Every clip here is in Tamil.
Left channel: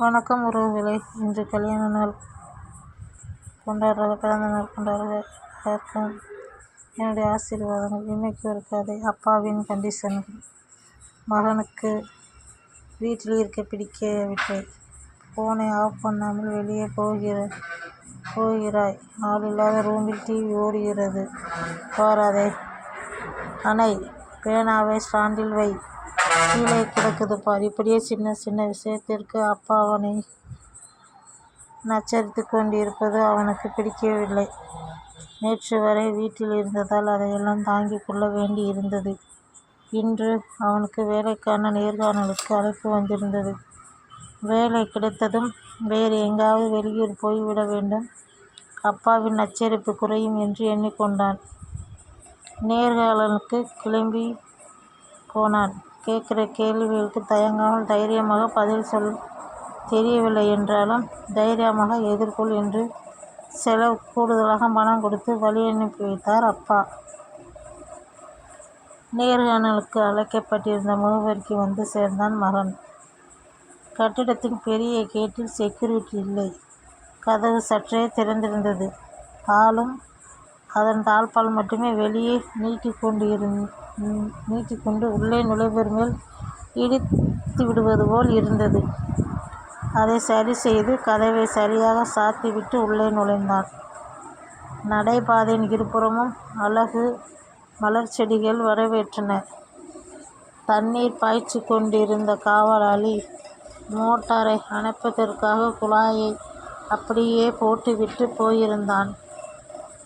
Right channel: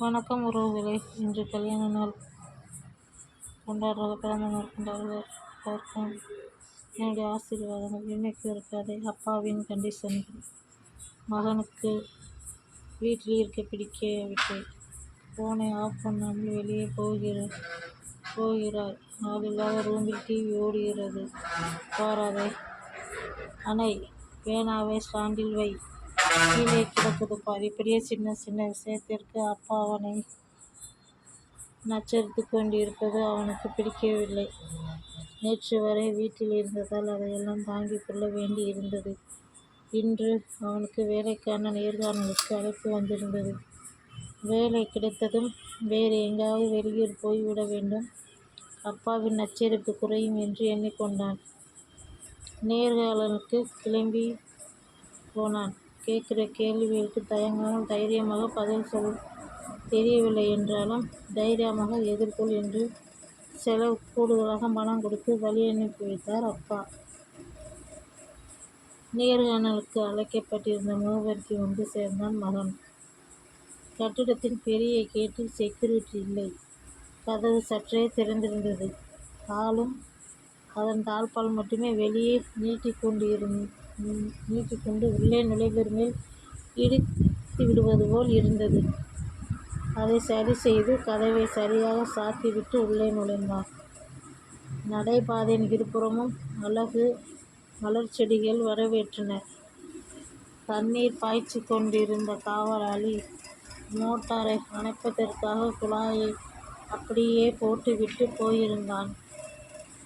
வணக்கம் உறவுகளே, இன்று கல்யாண நாள் பிறந்த நாள் கொண்டாடுற எல்லாருக்கும் என்னுடைய ஆசீர்வாதங்கள். இன்னைக்கு ஒரு கதை, அப்பாவின் கண்டிஷன்கள். மகனுக்கு வீட்டில் இருக்க பிடிக்கவில்லை. ஃபோனை ஆஃப் பண்ணாமல் வெளியே போகிறாய். ஆள் இல்லாத ரூமில் டிவி ஓடுகிறது. பாராதை அணை. பேனாவை ஸ்டாண்டில் வை. கீழே கிடக்குது பார். இப்படியே சின்ன சின்ன விஷயத்திற்கு அப்பா அவனை நச்சரித்து கொண்டிருப்பது அவனுக்கு பிடிக்கவில்லை. நேற்று வரை வீட்டில் இருந்ததால் அதையெல்லாம் தாங்கிக் கொள்ள வேண்டி இருந்தது. இன்று அவனுக்கு வேலைக்கான நேர்காணலுக்கு அழைப்பு வந்திருந்தது. வேலை கிடைத்ததும் வேறு எங்காவது வெளியூர் போய்விட வேண்டும். அப்பாவின் நச்சரிப்பு குறையும் என்று எண்ணிக்கொண்டான். நேர்காணலுக்கு கிளம்பி போனான். கேட்கிற கேள்விகளுக்கு தயங்காமல் தைரியமாக பதில் சொல். தெரியவில்லை என்றாலும் தைரியமாக எதிர்கொள் என்று செலவு கூடுதலாக பணம் கொடுத்து வழி அனுப்பி வைத்தார் அப்பா. நேர்காணலுக்கு அழைக்கப்பட்டிருந்த முகவரிக்கு வந்து சேர்ந்தான் மகன். கட்டிடத்தின் பெரிய கேட்டில் செக்யூரிட்டி இல்லை. கதவு சற்றே திறந்திருந்தது. ஆளும் அதன் தாழ்பால் மட்டுமே வெளியே நீட்டிக்கொண்டு உள்ளே நுழைவர் மேல் இடித்து விடுவது போல் இருந்தது. அதை சரி செய்து கதவை சரியாக சாத்திவிட்டு உள்ளே நுழைந்தான். நடைபாதையின் இருபுறமும் அழகு மலர் செடிகள் வரவேற்றன. தண்ணீர் பாய்ச்சி கொண்டிருந்த காவலாளி மோட்டாரை அணைப்பதற்காக குழாயை அப்படியே போட்டுவிட்டு போயிருந்தான்.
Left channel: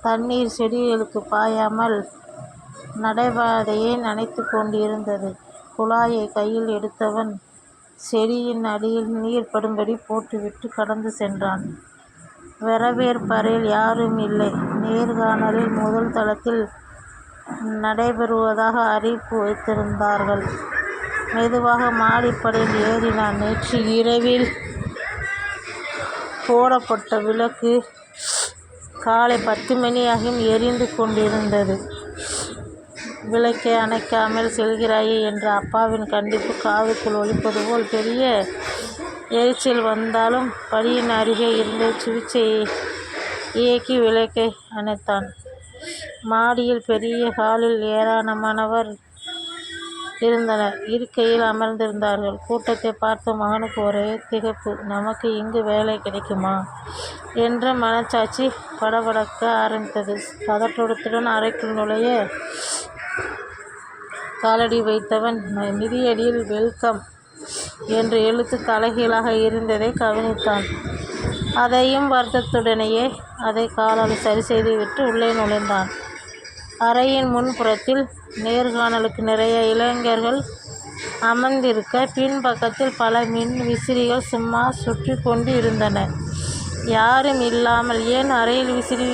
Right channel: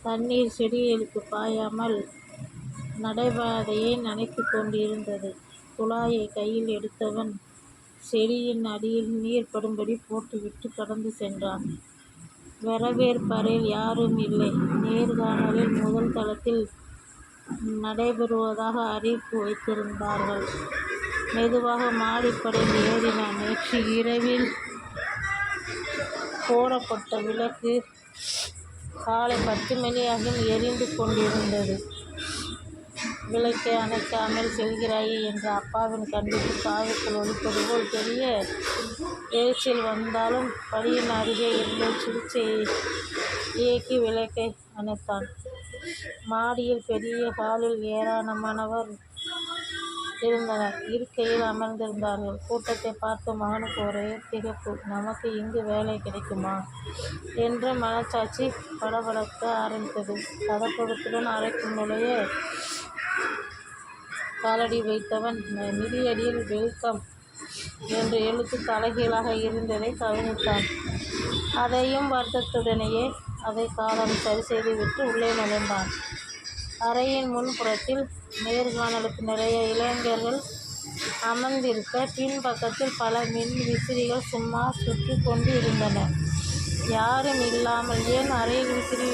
தண்ணீர் செடிகளுக்கு பாயாமல் நடைபாதையை நனைத்து கொண்டிருந்தது. குழாயை கையில் எடுத்தவன் செடியின் அடியில் நீர் படும்படி போட்டுவிட்டு கடந்து சென்றான். வரவேற்பறையில் யாரும் இல்லை. நேர்காணலில் முதல் தளத்தில் நடைபெறுவதாக அறிவிப்பு வைத்திருந்தார்கள். மெதுவாக மாடிப்படையில் ஏறினான். நேற்று இரவில் போடப்பட்ட விளக்கு காலை 10 மணியாகியும் எரிந்து கொண்டிருந்தது. விளக்கை அணைக்காமல் செல்கிறாயே என்ற அப்பாவின் கண்டிப்பு காதுக்குள் ஒலிப்பது போல் பெரிய எரிச்சல் வந்தாலும் படியின் அருகே இருந்து சுவிட்சை இயக்கி விளக்கை அணைத்தான். மாடியில் பெரிய ஹாலில் ஏராளமானவர் இருந்தனர். இருக்கையில் அமர்ந்திருந்தார்கள். கூட்டத்தை பார்த்து மகனுக்கு ஒரே திகைப்பு. நமக்கு இங்கு வேலை கிடைக்குமா என்ற மனச்சாட்சி படபடக்க ஆரம்பித்தது. பதற்றத்துடன் அறைக்குள் நுழைய காலடி வைத்தவன் மிதியடியில் வெல்கம் என்ற எழுத்து தலைகீழாக இருந்ததை கவனித்தான். அதையும் வருத்தத்துடனேயே அதை காலால் சரி செய்துவிட்டு உள்ளே நுழைந்தான். அறையின் முன்புறத்தில் நேர்காணலுக்கு நிறைய இளைஞர்கள் அமர்ந்திருக்க, பின்பக்கத்தில் பல மின் விசிறிகள் சும்மா சுற்றி கொண்டு இருந்தன. யாரும் இல்லாமல் ஏன் அறையில் விசிறி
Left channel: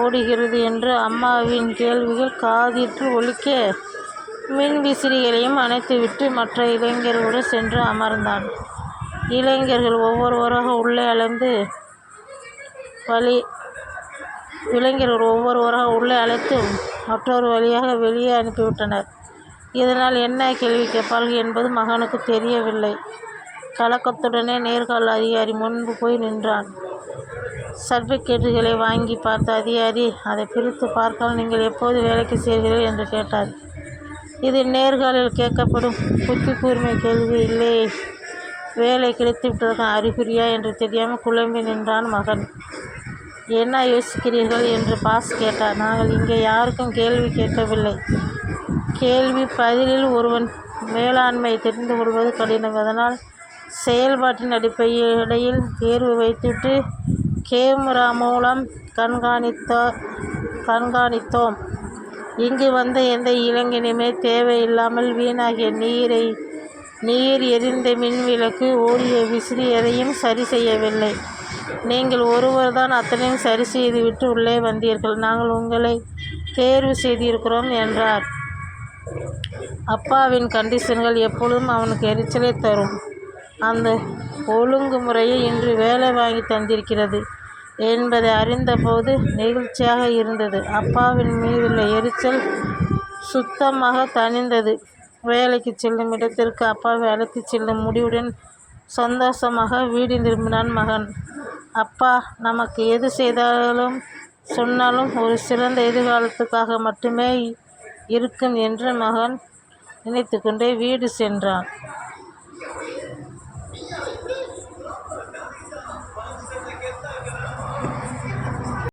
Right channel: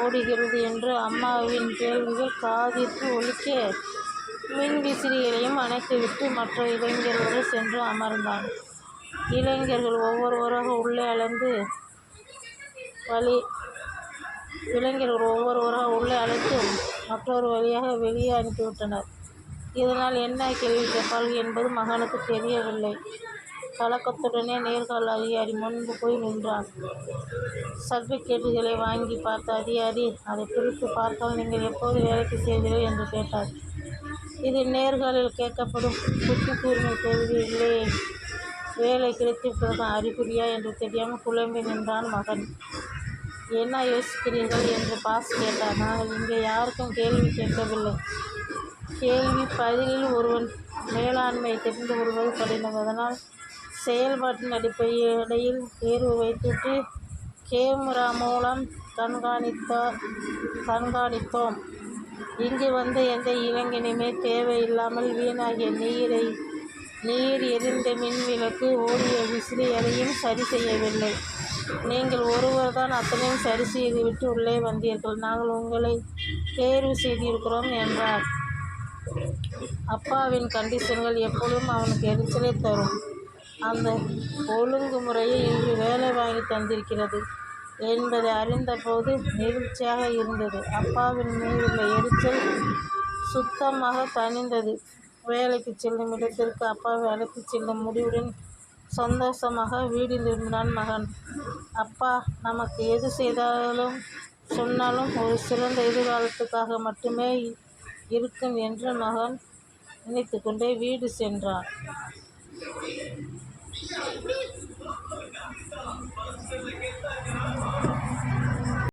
ஓடுகிறது என்று அம்மாவின் கேள்விகள் காதிற்கு ஒலிக்க, மின் விசிறிகளையும் அணைத்துவிட்டு மற்ற இளைஞர்களுடன் சென்று அமர்ந்தான். இளைஞர்கள் ஒவ்வொருவராக உள்ளே அழைத்து மற்றொரு வழியாக வெளியே அனுப்பிவிட்டனர். இதனால் என்ன கேள்வி கேட்பார்கள் என்பது மகனுக்கு தெரியவில்லை. கலக்கத்துடனே நேர்காணல் அதிகாரி முன்பு போய் நின்றான். சர்டிபிகேட்டுகளை வாங்கி பார்த்த அதிகாரி அதை பிரித்து பார்க்காமல் நீங்கள் எப்போது வேலைக்கு சேர்கிறீர்கள் என்று கேட்டார். இது நேர்காணலில் கேட்கப்படும் புத்தி கூர்மை கேள்வி இல்லையே. வேலை கிடைத்துவிட்டதற்கான அறிகுறியா என்று தெரியாமல் குழம்பி நின்றான் மகன். என்ன யோசிக்கிறீர்கள் என்று பாஸ் கேட்டார். நாங்கள் இங்கே யாருக்கும் கேள்வி கேட்கவில்லை. கேள்வி பதிலில் ஒருவன் மேலாண்மை தெரிந்து கொள்வது கடினம். அதனால் செயல்பாட்டின் அடிப்படையில் தேர்வு வைத்துவிட்டு கேமரா மூலம் கண்காணித்தோம். இங்கு வந்த எந்த இளைஞனுமே தேவையில்லாமல் வீணாகிய நீர் எரிந்த மின்விளக்கு ஓடிய விசிறி எதையும் சரி செய்யவில்லை. நீங்கள் ஒருவர்தான் அத்தனையும் சரி செய்துவிட்டு உள்ளே வந்தீர்கள். நாங்கள் உங்களை தேர்வு செய்திருக்கிறோம் என்றார். அப்பாவின் கண்டிஷன்கள் எப்பொழுதும் அவனுக்கு எரிச்சலை தரும். அந்த ஒழுங்குமுறையை இன்று வேலை வாங்கி தந்திருக்கிறது என்பதை அறிந்தபோது நெகிழ்ச்சியாக இருந்தது. அப்பாவின் மீதுள்ள எரிச்சல் சுத்தமாக தணிந்தது. வேலைக்கு செல்லும் இடத்திற்கு அப்பாவை அழைத்துச் செல்லும் முடிவுடன் சந்தோஷமாக வீடு திரும்பினான் மகன். அப்பா, நமக்கு எது செய்தாலும் சொன்னாலும் ஒரு சிறந்த எதிர்காலத்துக்காக மட்டுமே இருக்கும் என்று மகன் நினைத்து கொண்டே வீடு சென்றான்.